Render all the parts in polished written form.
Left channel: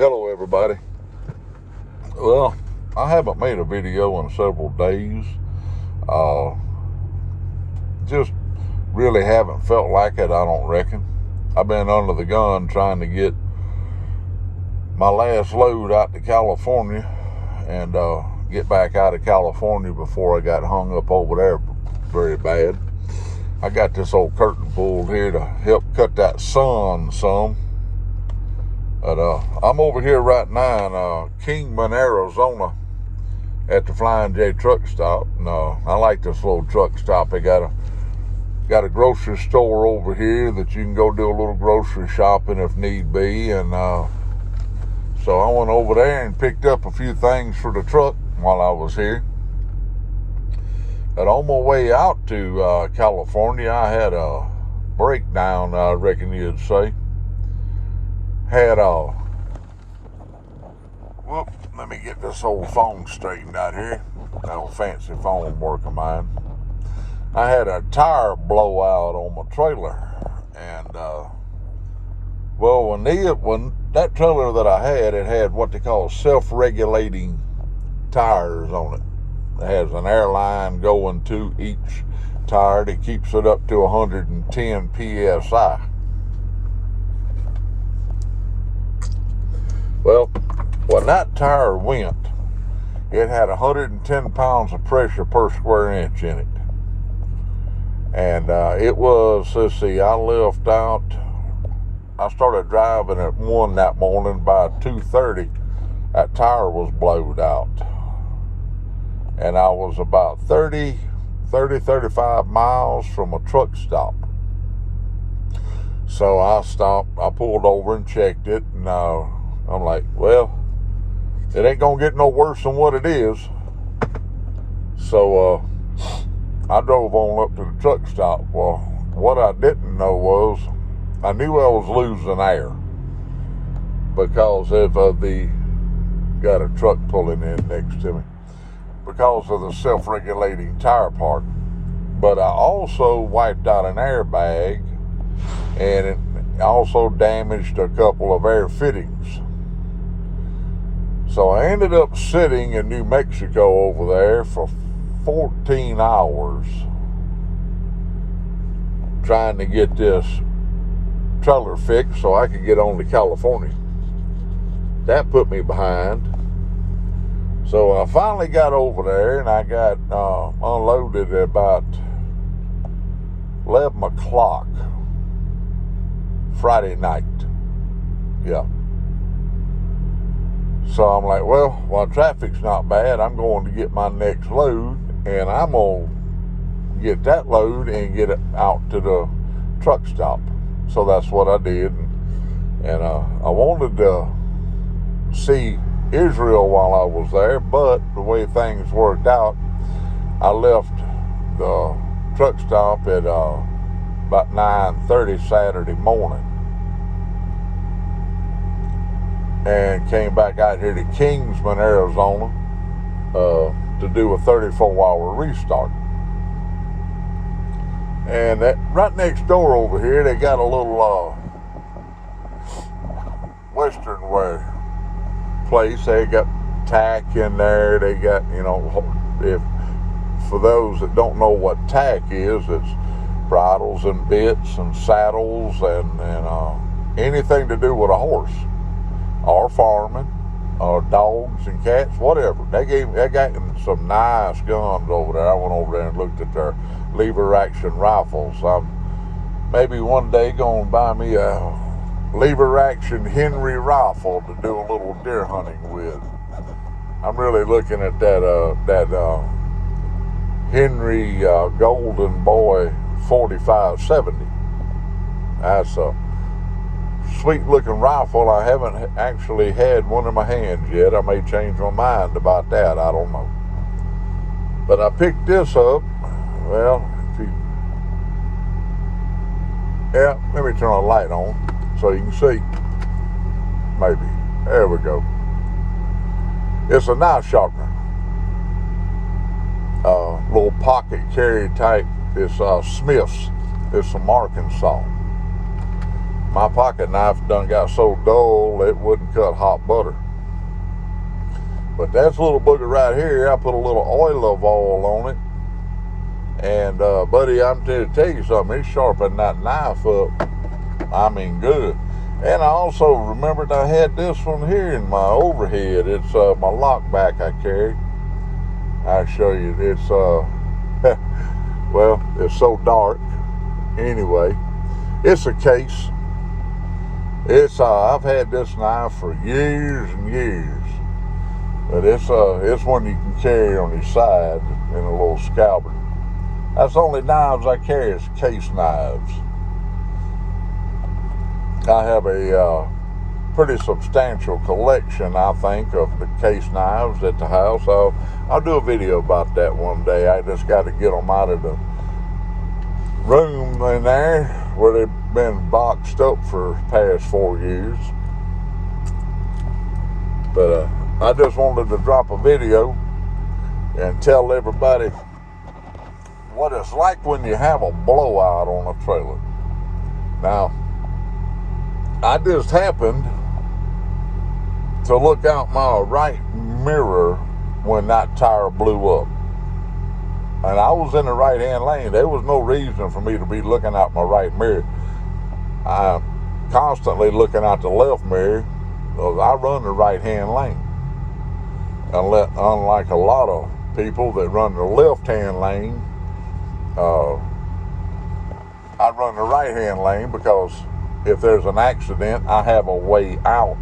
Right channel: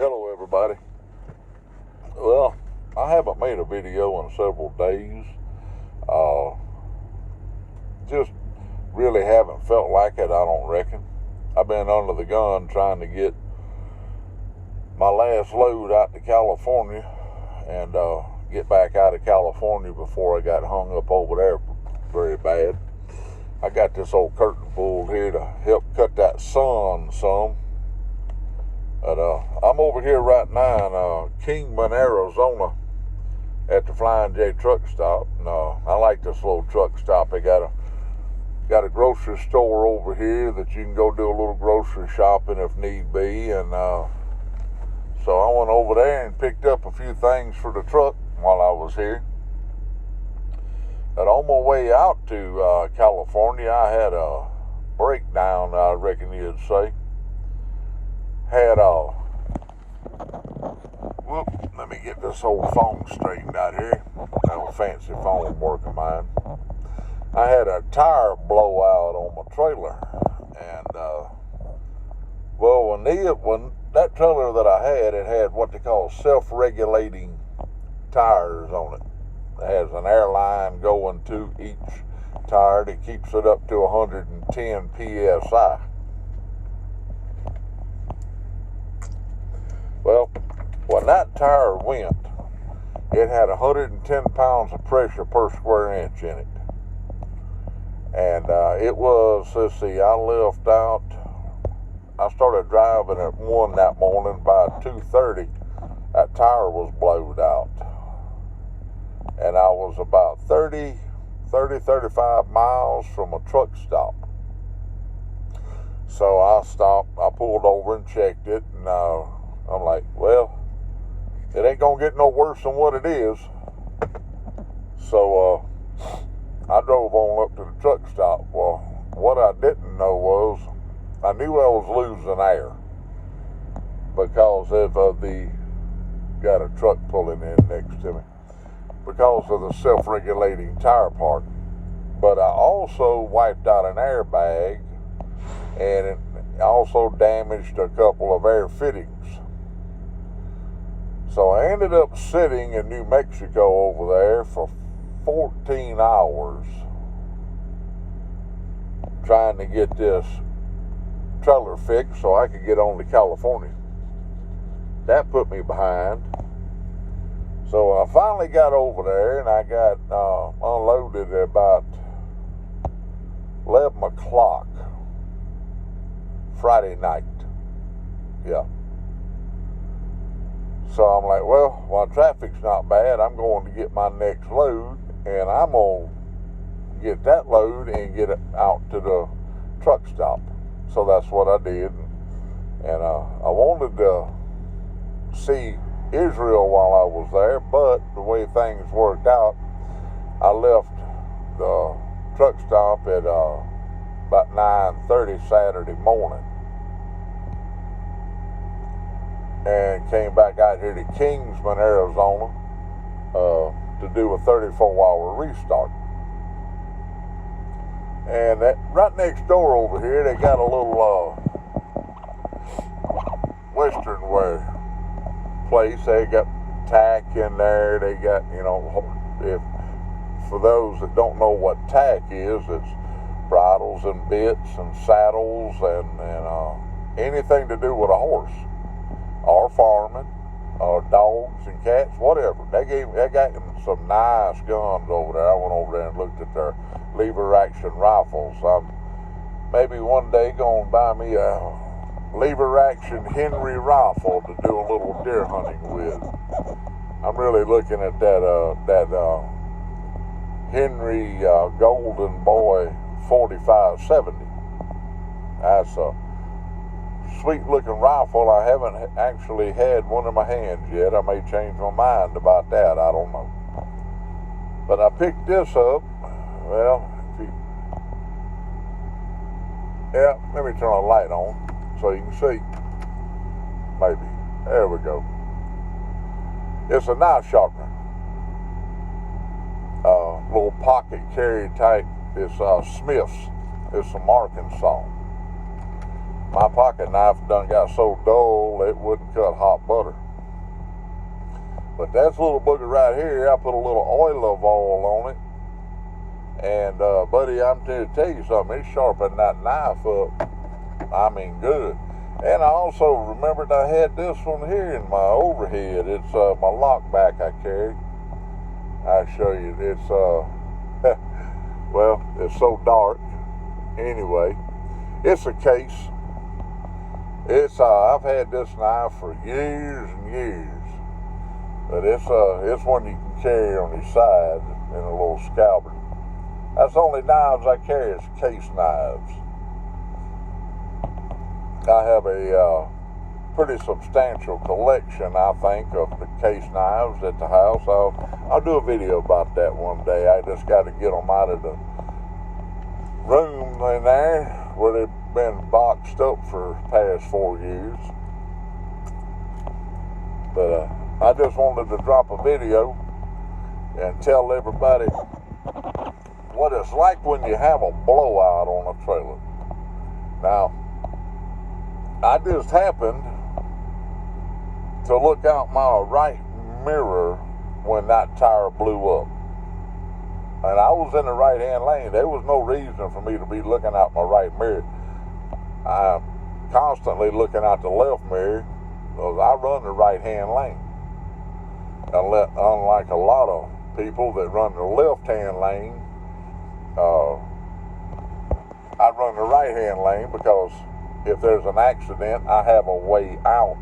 Hello everybody. Well, I haven't made a video in several days. Uh, just really haven't felt like it, I don't reckon. I've been under the gun trying to get my last load out to California and get back out of California before I got hung up over there very bad. I got this old curtain pulled here to help cut that sun some. But I'm over here right now in Kingman, Arizona at the Flying J truck stop. And I like this little truck stop. They got a grocery store over here that you can go do a little grocery shopping if need be. And so I went over there and picked up a few things for the truck while I was here. But on my way out to California, I had a breakdown, I reckon you'd say. Let me get this old phone straightened out here. That old fancy phone work of mine. I had a tire blowout on my trailer. And, when that trailer that I had, it had what they call self-regulating tires on it. It has an air line going to each tire that keeps it up to 110 PSI. Well, when that tire went, it had 110 pounds of pressure per square inch in it. And it was, I started driving at 1 that morning. By 2:30, that tire was blowed out. And I was about 35 miles from a truck stop. So I stopped, I pulled over and checked it, and I'm like, well, it ain't gonna get no worse than what it is. So I drove on up to the truck stop. Well, what I didn't know was I knew I was losing air because of got a truck pulling in next to me, because of the self-regulating tire part. But I also wiped out an airbag, and it also damaged a couple of air fittings. So I ended up sitting in New Mexico over there for 14 hours trying to get this trailer fixed so I could get on to California. That put me behind. So I finally got over there, and I got unloaded at about 11 o'clock Friday night. Yeah. So I'm like, well, while traffic's not bad, I'm going to get my next load, and I'm going to get that load and get it out to the truck stop. So that's what I did. And I wanted to see Israel while I was there, but the way things worked out, I left the truck stop at about 9:30 Saturday morning and came back out here to Kingsman, Arizona to do a 34-hour restart. And that right next door over here, they got a little Western wear place. They got tack in there. They got, if for those that don't know what tack is, it's bridles and bits and saddles and anything to do with a horse or farming or dogs and cats, whatever. They got some nice guns over there. I went over there and looked at their lever action rifles. I'm maybe one day gonna buy me a lever action Henry rifle to do a little deer hunting with. I'm really looking at that Henry Golden Boy 4570. That's a sweet looking rifle. I haven't actually had one in my hands yet. I may change my mind about that. I don't know. But I picked this up. Well, let me turn the light on so you can see. Maybe. There we go. It's a knife sharpener. Little pocket carry type. It's Smith's. It's from Arkansas. My pocket knife done got so dull it wouldn't uncut hot butter. But that's a little booger right here. I put a little olive oil on it. And, buddy, I'm here to tell you something. It's sharpening that knife up. I mean, good. And I also remembered I had this one here in my overhead. It's my lockback I carry. I'll show you. It's, well, it's so dark. Anyway, it's a case. It's, I've had this knife for years and years. But it's one you can carry on your side in a little scabbard. That's the only knives I carry is case knives. I have a pretty substantial collection, I think, of the case knives at the house. I'll do a video about that one day. I just got to get them out of the room in there where they've been boxed up for the past 4 years. But I just wanted to drop a video and tell everybody what it's like when you have a blowout on a trailer. Now, I just happened to look out my right mirror when that tire blew up. And I was in the right-hand lane. There was no reason for me to be looking out my right mirror. I'm constantly looking out the left mirror because I run the right-hand lane. Unlike a lot of people that run the left-hand lane, I run the right-hand lane because if there's an accident, I have a way out.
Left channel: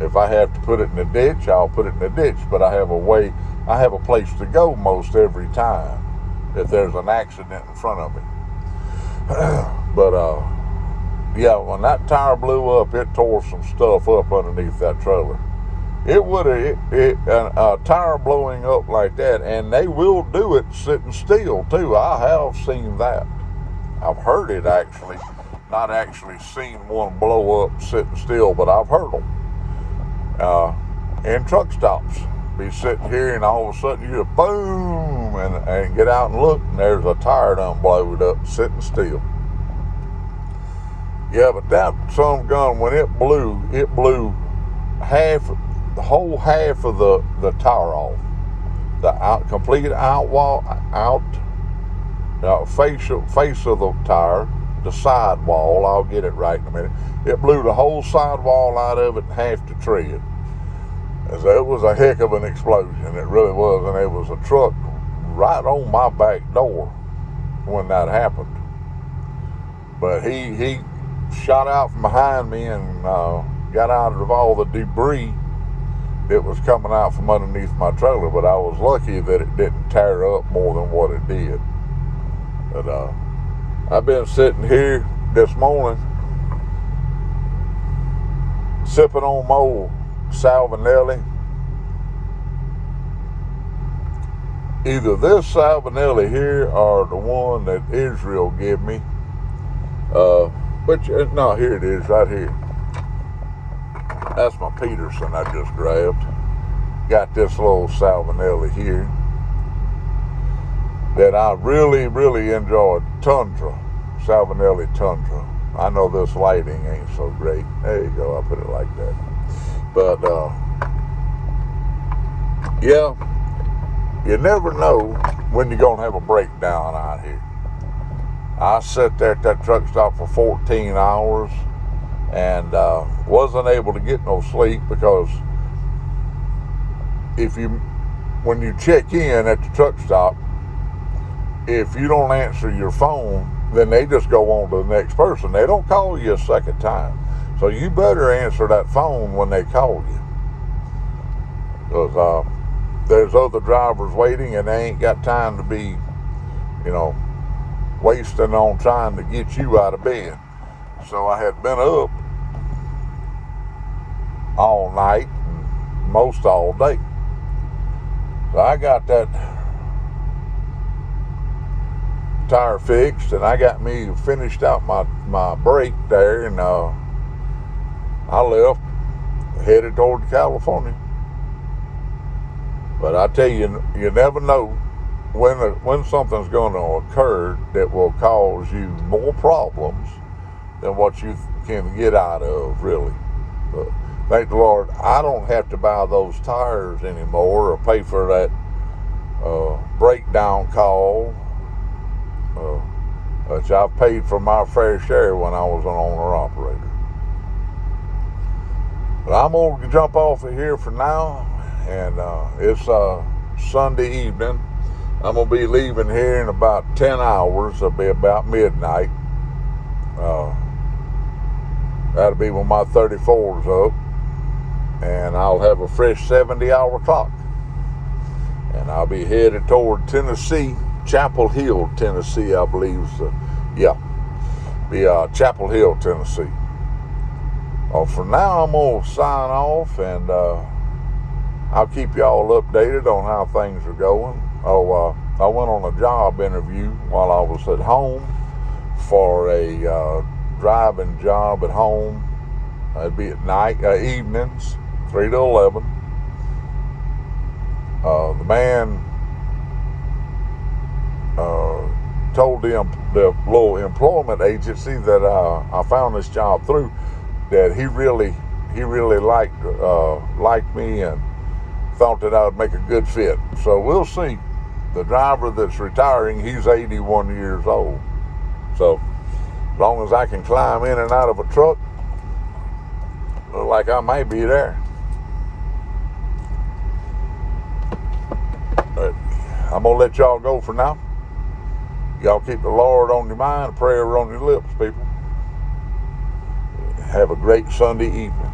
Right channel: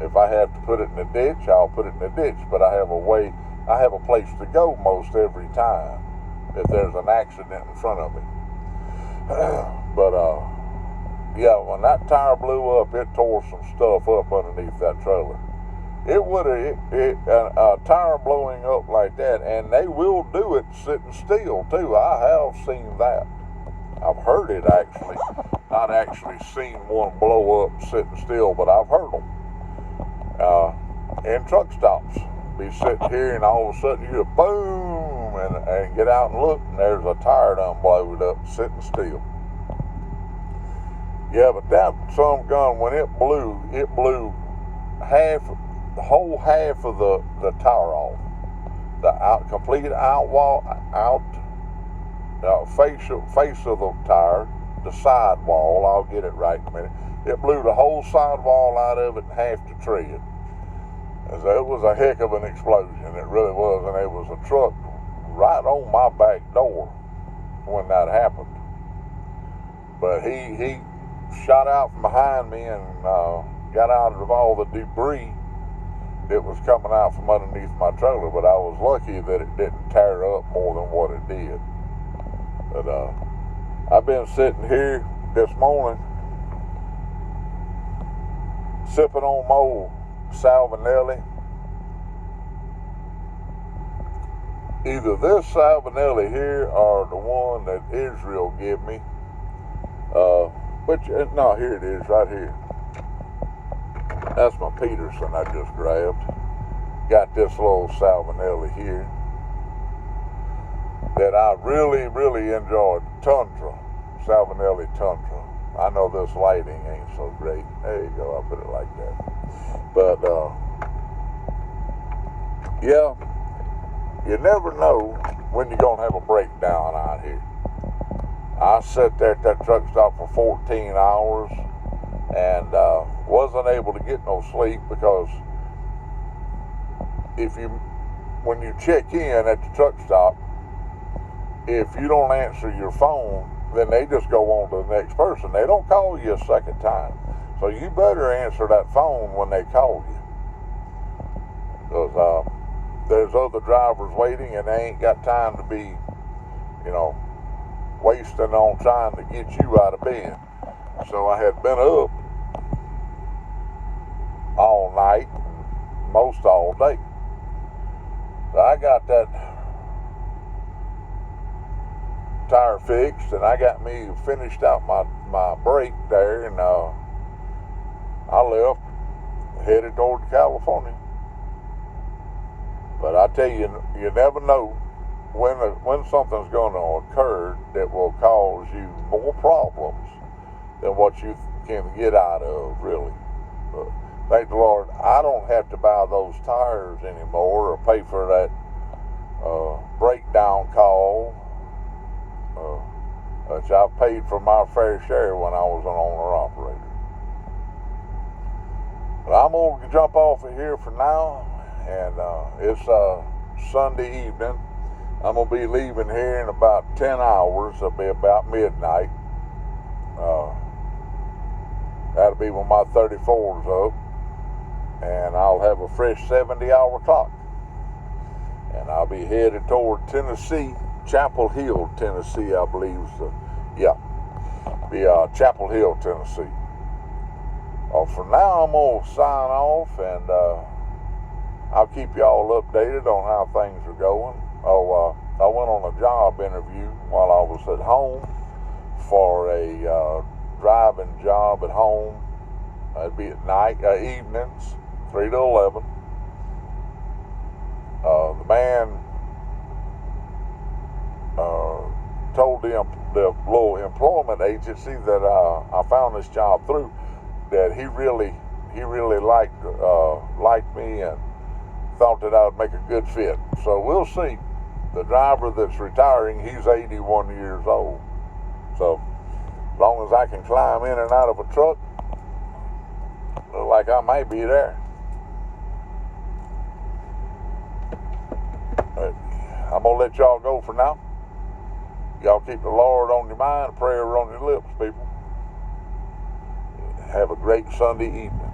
If I have to put it in the ditch, I'll put it in the ditch, but I have a place to go most every time if there's an accident in front of me. But, yeah, when that tire blew up, it tore some stuff up underneath that trailer. A tire blowing up like that, and they will do it sitting still, too. I have seen that. I've heard it, actually. Not actually seen one blow up sitting still, but I've heard them. In truck stops. Be sitting here, and all of a sudden you hear boom, and get out and look, and there's a tire done blowed up sitting still. Yeah, but that some gun, when it blew the whole half of the tire off. The complete face of the tire, the sidewall, I'll get it right in a minute. It blew the whole sidewall out of it and half the tread. So it was a heck of an explosion, it really was, and it was a truck right on my back door when that happened. But he shot out from behind me and got out of all the debris that was coming out from underneath my trailer, but I was lucky that it didn't tear up more than what it did. But I've been sitting here this morning sipping on my old Salvinelli. Either this Salvinelli here or the one that Israel gave me. No, here it is, right here. That's my Peterson I just grabbed. Got this little Salvinelli here that I really, really enjoyed. Tundra, Salvinelli Tundra. I know this lighting ain't so great. There you go, I'll put it like that. But, yeah, you never know when you're going to have a breakdown out here. I sat there at that truck stop for 14 hours and wasn't able to get no sleep because when you check in at the truck stop, if you don't answer your phone, then they just go on to the next person. They don't call you a second time. So you better answer that phone when they call you. Because there's other drivers waiting and they ain't got time to be, wasting on trying to get you out of bed. So I had been up all night and most all day. So I got that tire fixed and I got me finished out my brake there, and I left, headed toward California. But I tell you, you never know when something's going to occur that will cause you more problems than what you can get out of, really. But Thank the Lord, I don't have to buy those tires anymore or pay for that breakdown call, which I've paid for my fair share when I was an owner-operator. But I'm going to jump off of here for now, and it's Sunday evening. I'm going to be leaving here in about 10 hours. It'll be about midnight. That'll be when my 34's up, and I'll have a fresh 70-hour clock. And I'll be headed toward Tennessee, Chapel Hill, Tennessee, I believe. So, yeah, be Chapel Hill, Tennessee. For now, I'm going to sign off, and I'll keep y'all updated on how things are going. I went on a job interview while I was at home for a driving job at home. It'd be at night, evenings, 3 to 11. The man told the little employment agency that I found this job through that he really liked me and thought that I would make a good fit. So we'll see. The driver that's retiring, he's 81 years old. So as long as I can climb in and out of a truck, look like I may be there. But I'm going to let y'all go for now. Y'all keep the Lord on your mind, a prayer on your lips, people. Have a great Sunday evening.